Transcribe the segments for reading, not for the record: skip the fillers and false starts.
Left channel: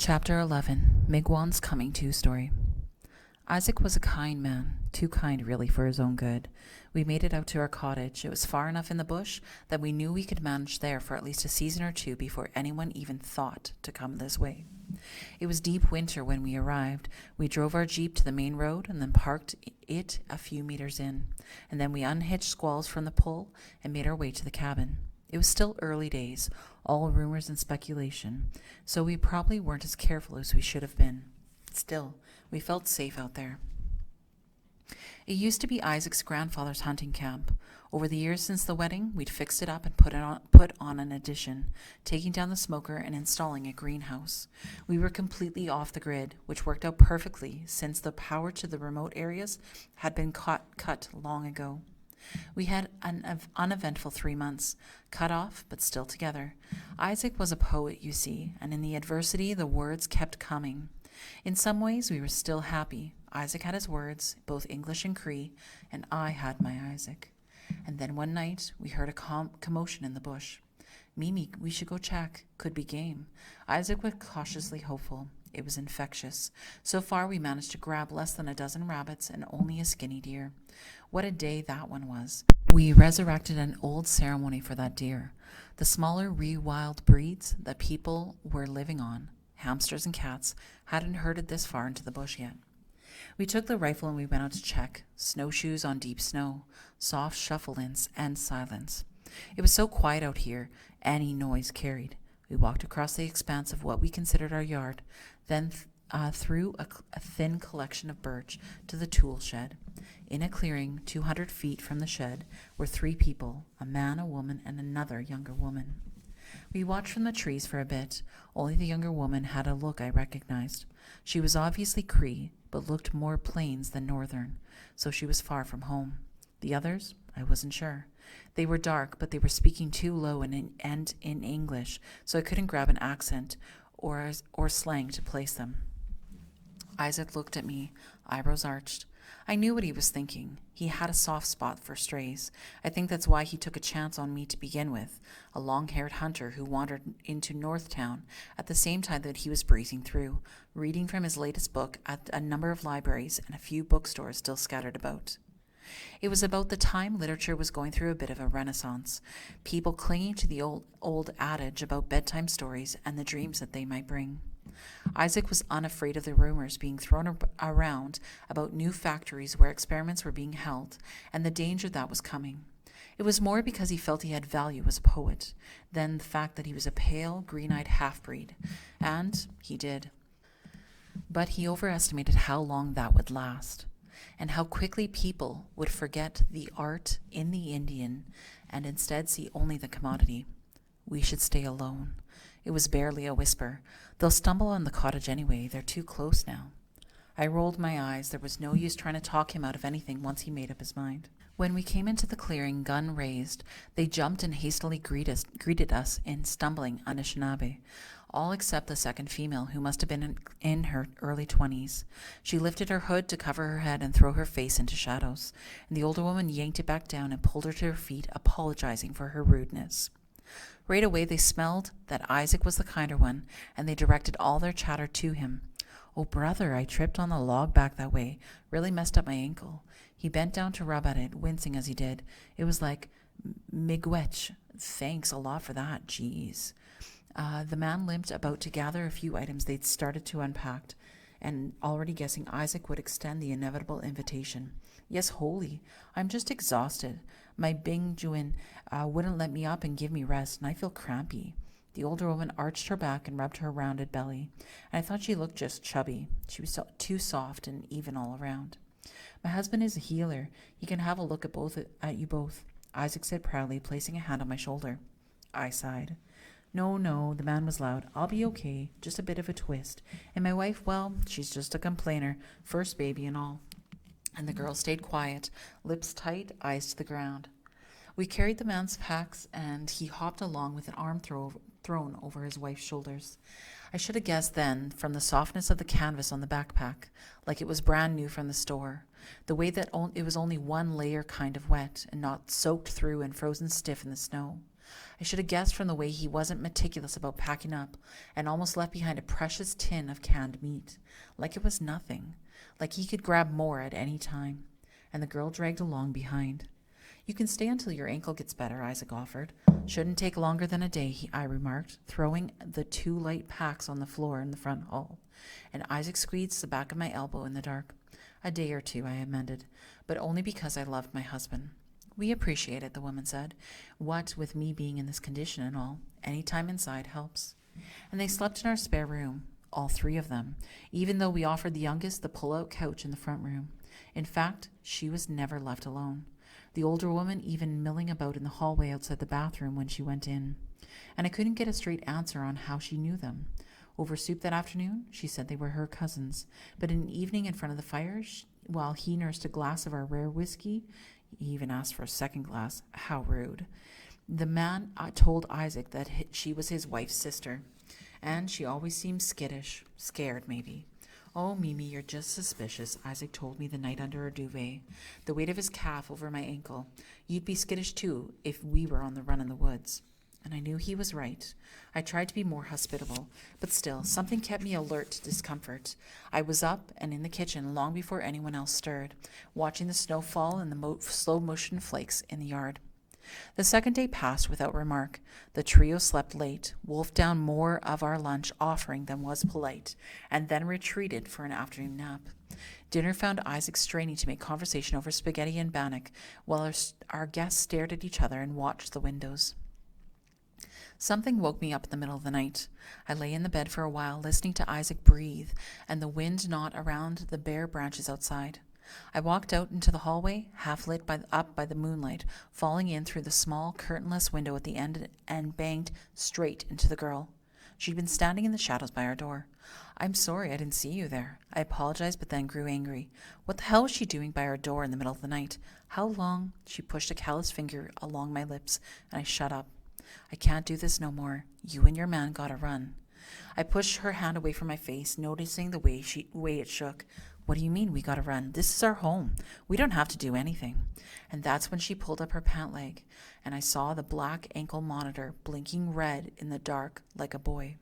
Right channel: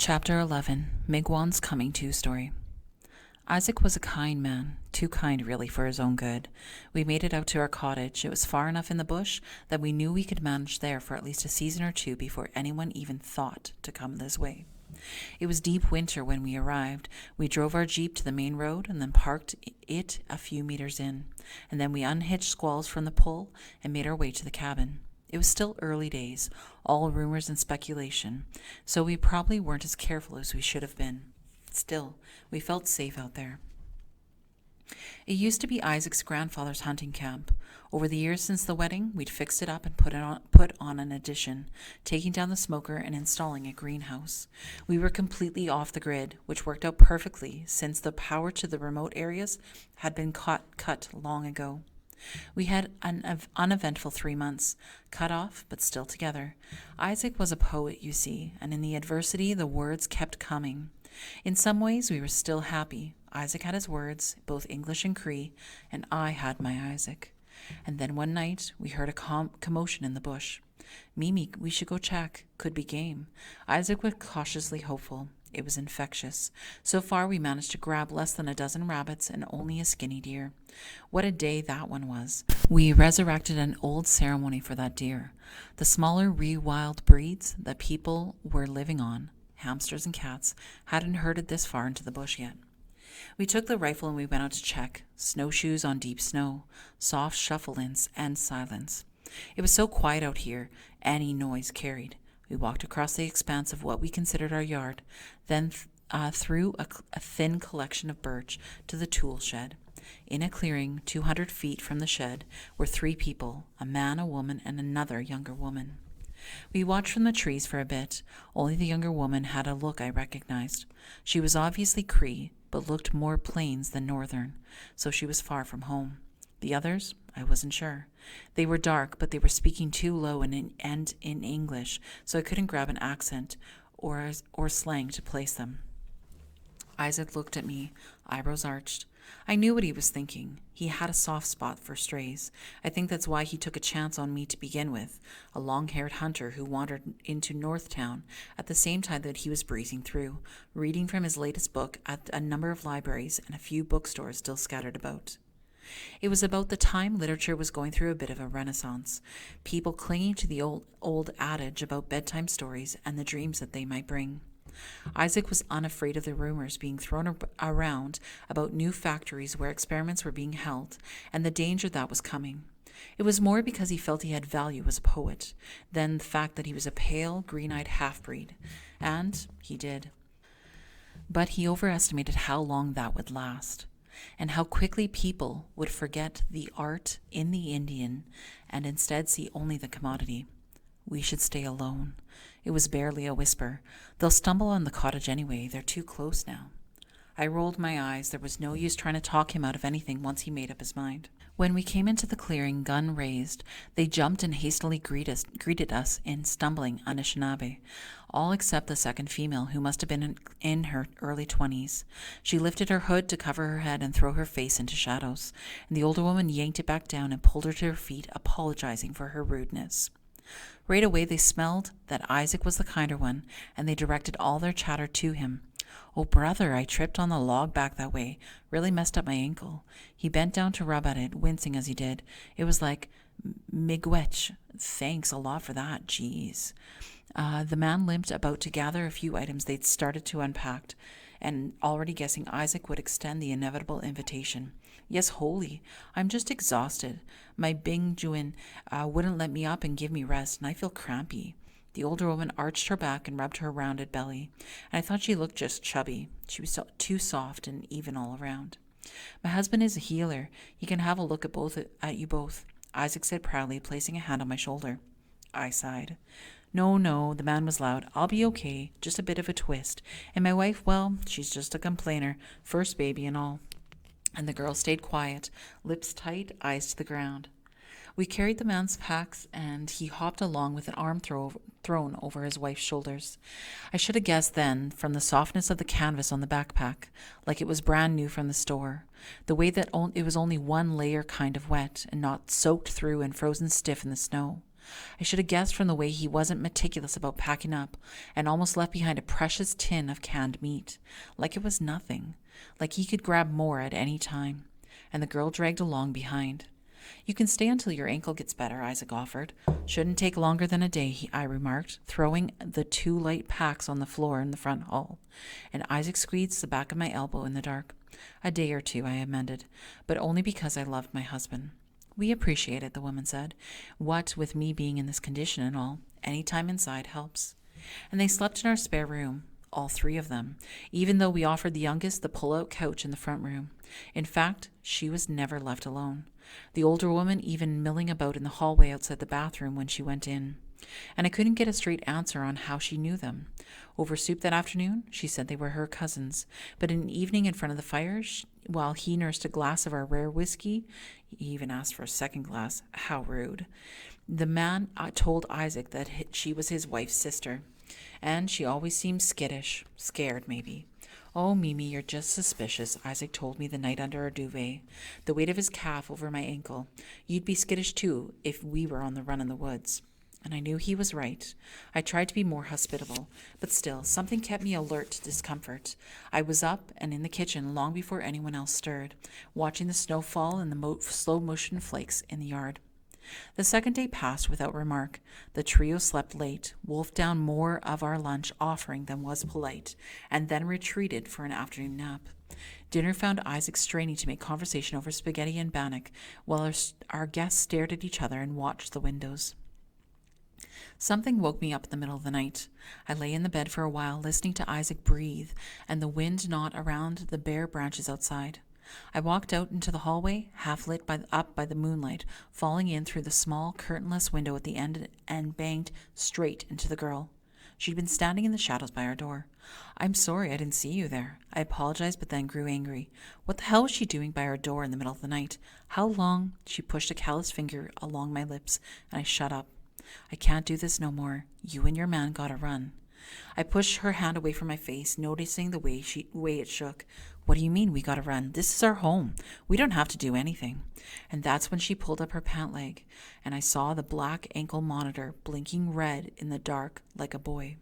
Chapter 11, Miigwan's Coming To story. Isaac was a kind man, too kind really for his own good. We made it out to our cottage. It was far enough in the bush that we knew we could manage there for at least a season or two before anyone even thought to come this way. It was deep winter when we arrived. We drove our jeep to the main road and then parked it a few meters in, and then we unhitched Squalls from the pole and made our way to the cabin. It was still early days, all rumors and speculation, so we probably weren't as careful as we should have been. Still, we felt safe out there. It used to be Isaac's grandfather's hunting camp. Over the years since the wedding, we'd fixed it up and put on an addition, taking down the smoker and installing a greenhouse. We were completely off the grid, which worked out perfectly since the power to the remote areas had been cut long ago. We had an uneventful 3 months, cut off but still together. Isaac was a poet, you see, and in the adversity the words kept coming. In some ways we were still happy. Isaac had his words, both English and Cree, and I had my Isaac. And then one night we heard a commotion in the bush. Mimi, we should go check. Could be game. Isaac was cautiously hopeful. It was infectious. So far we managed to grab less than a dozen rabbits and only a skinny deer. What a day that one was. We resurrected an old ceremony for that deer. The smaller re-wild breeds that people were living on, hamsters and cats, hadn't herded this far into the bush yet. We took the rifle and we went out to check. Snowshoes on deep snow, soft shuffle-ins, and silence. It was so quiet out here, any noise carried. We walked across the expanse of what we considered our yard, then through a thin collection of birch to the tool shed. In a clearing 200 feet from the shed were 3 people, a man, a woman, and another younger woman. We watched from the trees for a bit. Only the younger woman had a look I recognized. She was obviously Cree, but looked more plains than northern, so she was far from home. The others, I wasn't sure. They were dark, but they were speaking too low and in English, so I couldn't grab an accent or slang to place them. Isaac looked at me, eyebrows arched. I knew what he was thinking. He had a soft spot for strays. I think that's why he took a chance on me to begin with, a long-haired hunter who wandered into Northtown at the same time that he was breezing through, reading from his latest book at a number of libraries and a few bookstores still scattered about. It was about the time literature was going through a bit of a renaissance, people clinging to the old adage about bedtime stories and the dreams that they might bring. Isaac was unafraid of the rumors being thrown around about new factories where experiments were being held and the danger that was coming. It was more because he felt he had value as a poet than the fact that he was a pale, green-eyed half-breed. And he did. But he overestimated how long that would last, and how quickly people would forget the art in the Indian and instead see only the commodity. We should stay alone. It was barely a whisper. They'll stumble on the cottage anyway. They're too close now. I rolled my eyes. There was no use trying to talk him out of anything once he made up his mind. When we came into the clearing, gun raised, they jumped and hastily greeted us in stumbling Anishinaabe, all except the second female, who must have been in her early 20s. She lifted her hood to cover her head and throw her face into shadows, and the older woman yanked it back down and pulled her to her feet, apologizing for her rudeness. Right away they smelled that Isaac was the kinder one, and they directed all their chatter to him. Oh, brother, I tripped on the log back that way. Really messed up my ankle. He bent down to rub at it, wincing as he did. It was like, miigwech. Thanks a lot for that. Jeez. The man limped about to gather a few items they'd started to unpack, and already guessing Isaac would extend the inevitable invitation. Yes, holy. I'm just exhausted. My Bingjuin wouldn't let me up and give me rest, and I feel crampy. The older woman arched her back and rubbed her rounded belly, and I thought she looked just chubby. She was too soft and even all around. My husband is a healer. He can have a look at you both, Isaac said proudly, placing a hand on my shoulder. I sighed. No, the man was loud. I'll be okay, just a bit of a twist. And my wife, well, she's just a complainer, first baby and all. And the girl stayed quiet, lips tight, eyes to the ground. We carried the man's packs, and he hopped along with an arm thrown over his wife's shoulders. I should have guessed then, from the softness of the canvas on the backpack, like it was brand new from the store, the way that it was only one layer kind of wet, and not soaked through and frozen stiff in the snow. I should have guessed from the way he wasn't meticulous about packing up and almost left behind a precious tin of canned meat, like it was nothing, like he could grab more at any time. And the girl dragged along behind. You can stay until your ankle gets better, Isaac offered. Shouldn't take longer than a day, I remarked, throwing the 2 light packs on the floor in the front hall. And Isaac squeezed the back of my elbow in the dark. A day or 2, I amended, but only because I loved my husband. We appreciate it, the woman said. What with me being in this condition and all, any time inside helps. And they slept in our spare room, all 3 of them, even though we offered the youngest the pull-out couch in the front room. In fact, she was never left alone. The older woman even milling about in the hallway outside the bathroom when she went in. And I couldn't get a straight answer on how she knew them. Over soup that afternoon, she said they were her cousins. But in an evening in front of the fire, while he nursed a glass of our rare whiskey, he even asked for a second glass. How rude. The man told Isaac that she was his wife's sister. And she always seemed skittish, scared maybe. Oh, Mimi, you're just suspicious, Isaac told me the night under our duvet, the weight of his calf over my ankle. You'd be skittish too if we were on the run in the woods. And I knew he was right. I tried to be more hospitable, but still, something kept me alert to discomfort. I was up and in the kitchen long before anyone else stirred, watching the snow fall and the slow-motion flakes in the yard. The second day passed without remark. The trio slept late, wolfed down more of our lunch offering than was polite, and then retreated for an afternoon nap. Dinner found Isaac straining to make conversation over spaghetti and bannock, while our guests stared at each other and watched the windows. Something woke me up in the middle of the night. I lay in the bed for a while, listening to Isaac breathe and the wind knot around the bare branches outside. I walked out into the hallway, half lit up by the moonlight, falling in through the small, curtainless window at the end and banged straight into the girl. She'd been standing in the shadows by our door. I'm sorry I didn't see you there. I apologized, but then grew angry. What the hell was she doing by our door in the middle of the night? How long? She pushed a callous finger along my lips, and I shut up. I can't do this no more. You and your man gotta run. I pushed her hand away from my face, noticing the way it shook. What do you mean we gotta run? This is our home. We don't have to do anything. And that's when she pulled up her pant leg, and I saw the black ankle monitor blinking red in the dark like a boy.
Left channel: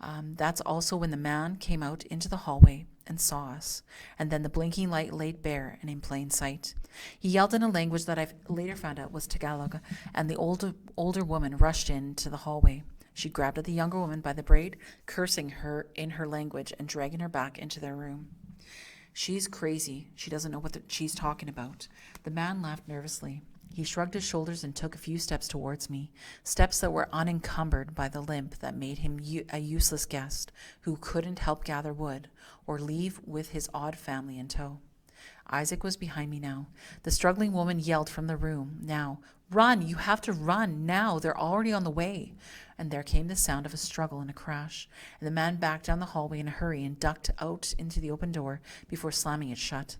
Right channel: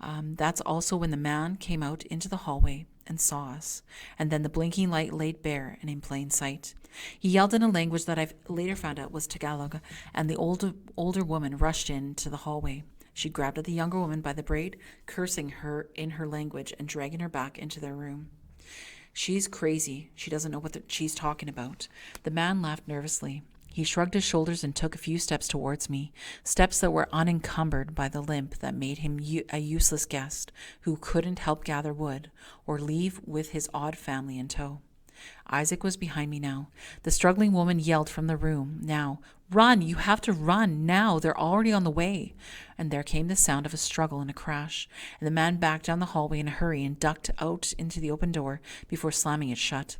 That's also when the man came out into the hallway and saw us, and then the blinking light laid bare and in plain sight. He yelled in a language that I've later found out was Tagalog, and the older woman rushed into the hallway. She grabbed at the younger woman by the braid, cursing her in her language and dragging her back into their room. She's crazy. She doesn't know what she's talking about. The man laughed nervously. He shrugged his shoulders and took a few steps towards me, steps that were unencumbered by the limp that made him a useless guest who couldn't help gather wood or leave with his odd family in tow. Isaac was behind me now. The struggling woman yelled from the room. Now, run! You have to run now! They're already on the way! And there came the sound of a struggle and a crash, and the man backed down the hallway in a hurry and ducked out into the open door before slamming it shut.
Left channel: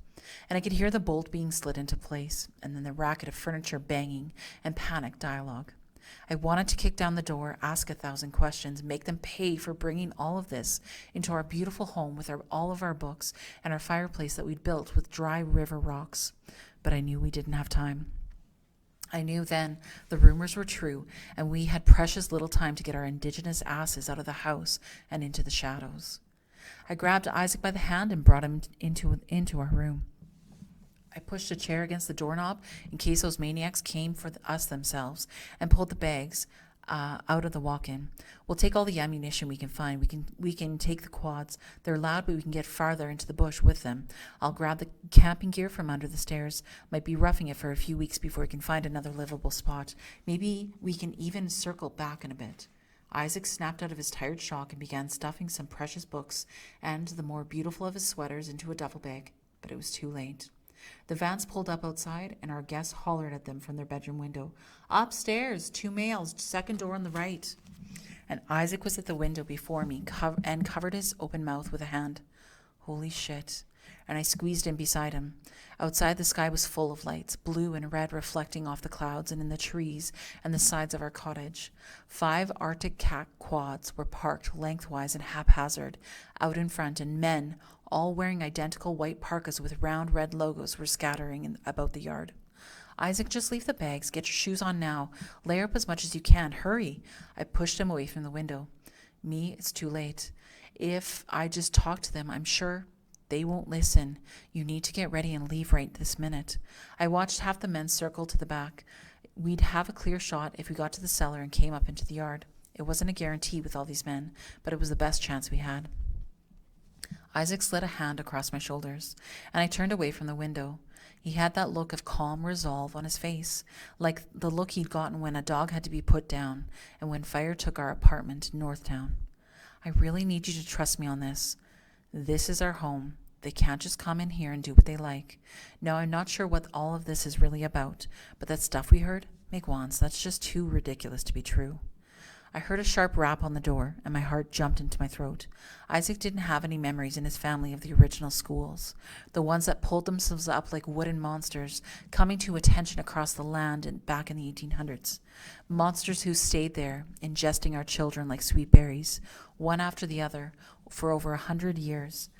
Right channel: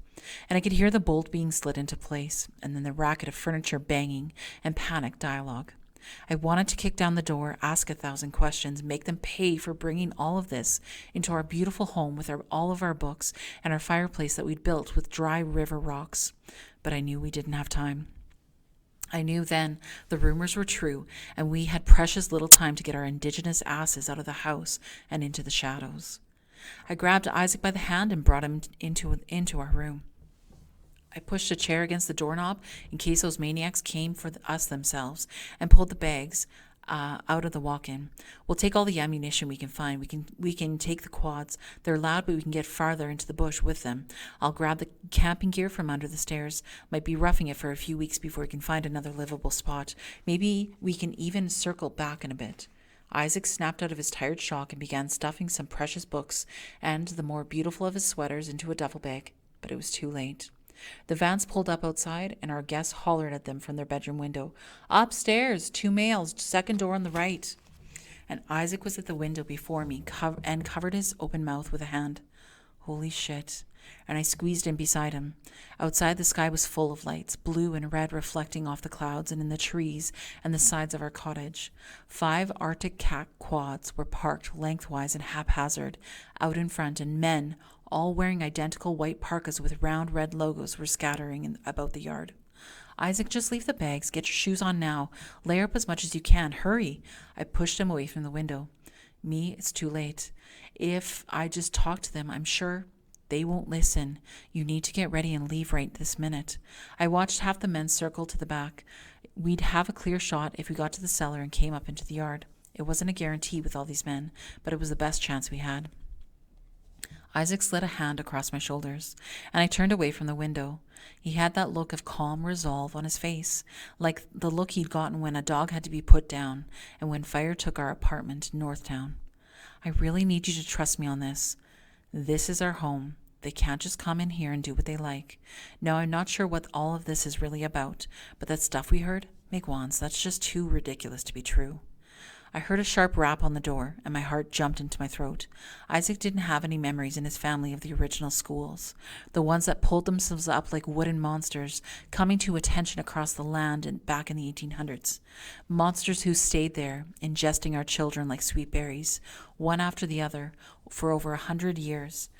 And I could hear the bolt being slid into place, and then the racket of furniture banging and panicked dialogue. I wanted to kick down the door, ask 1,000 questions, make them pay for bringing all of this into our beautiful home with all of our books and our fireplace that we'd built with dry river rocks. But I knew we didn't have time. I knew then the rumors were true, and we had precious little time to get our indigenous asses out of the house and into the shadows. I grabbed Isaac by the hand and brought him into our room. I pushed a chair against the doorknob in case those maniacs came for us themselves, and pulled the bags out of the walk-in. We'll take all the ammunition we can find. We can take the quads. They're loud, but we can get farther into the bush with them. I'll grab the camping gear from under the stairs. Might be roughing it for a few weeks before we can find another livable spot. Maybe we can even circle back in a bit. Isaac snapped out of his tired shock and began stuffing some precious books and the more beautiful of his sweaters into a duffel bag, but it was too late. The vans pulled up outside, and our guests hollered at them from their bedroom window. Upstairs, 2 males, second door on the right. And Isaac was at the window before me and covered his open mouth with a hand. Holy shit. And I squeezed in beside him. Outside, the sky was full of lights, blue and red reflecting off the clouds and in the trees and the sides of our cottage. 5 Arctic cat quads were parked lengthwise and haphazard out in front, and men, all wearing identical white parkas with round red logos, were scattering about the yard. Isaac, just leave the bags. Get your shoes on now. Layer up as much as you can. Hurry. I pushed him away from the window. Me, it's too late. If I just talk to them, I'm sure they won't listen. You need to get ready and leave right this minute. I watched half the men circle to the back. We'd have a clear shot if we got to the cellar and came up into the yard. It wasn't a guarantee with all these men, but it was the best chance we had. Isaac slid a hand across my shoulders, and I turned away from the window. He had that look of calm resolve on his face, like the look he'd gotten when a dog had to be put down and when fire took our apartment in Northtown. I really need you to trust me on this. This is our home. They can't just come in here and do what they like. Now, I'm not sure what all of this is really about, but that stuff we heard, Miigwans, that's just too ridiculous to be true. I heard a sharp rap on the door, and my heart jumped into my throat. Isaac didn't have any memories in his family of the original schools, the ones that pulled themselves up like wooden monsters, coming to attention across the land and back in the 1800s. Monsters who stayed there, ingesting our children like sweet berries, one after the other, for over 100 years.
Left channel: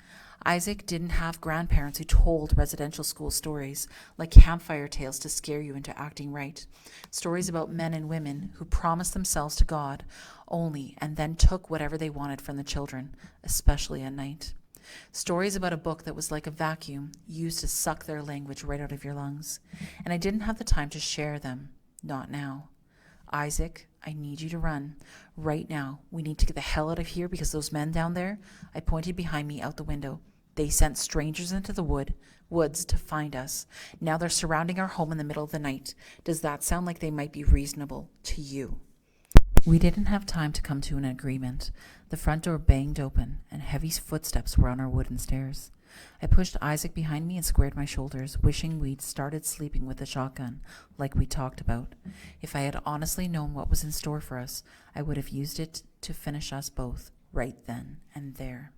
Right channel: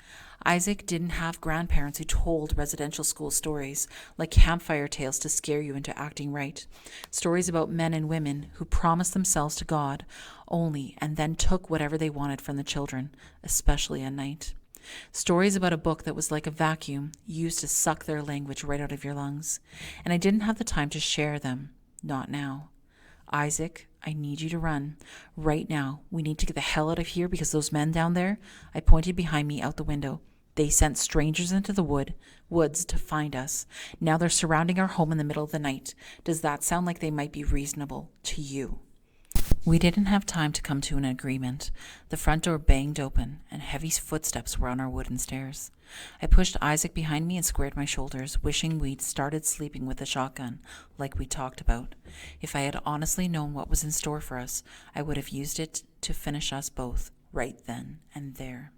Isaac didn't have grandparents who told residential school stories, like campfire tales to scare you into acting right. Stories about men and women who promised themselves to God only and then took whatever they wanted from the children, especially at night. Stories about a book that was like a vacuum used to suck their language right out of your lungs. And I didn't have the time to share them. Not now. Isaac, I need you to run. Right now. We need to get the hell out of here because those men down there, I pointed behind me out the window. They sent strangers into the woods to find us. Now they're surrounding our home in the middle of the night. Does that sound like they might be reasonable to you? We didn't have time to come to an agreement. The front door banged open, and heavy footsteps were on our wooden stairs. I pushed Isaac behind me and squared my shoulders, wishing we'd started sleeping with the shotgun, like we talked about. If I had honestly known what was in store for us, I would have used it to finish us both, right then and there.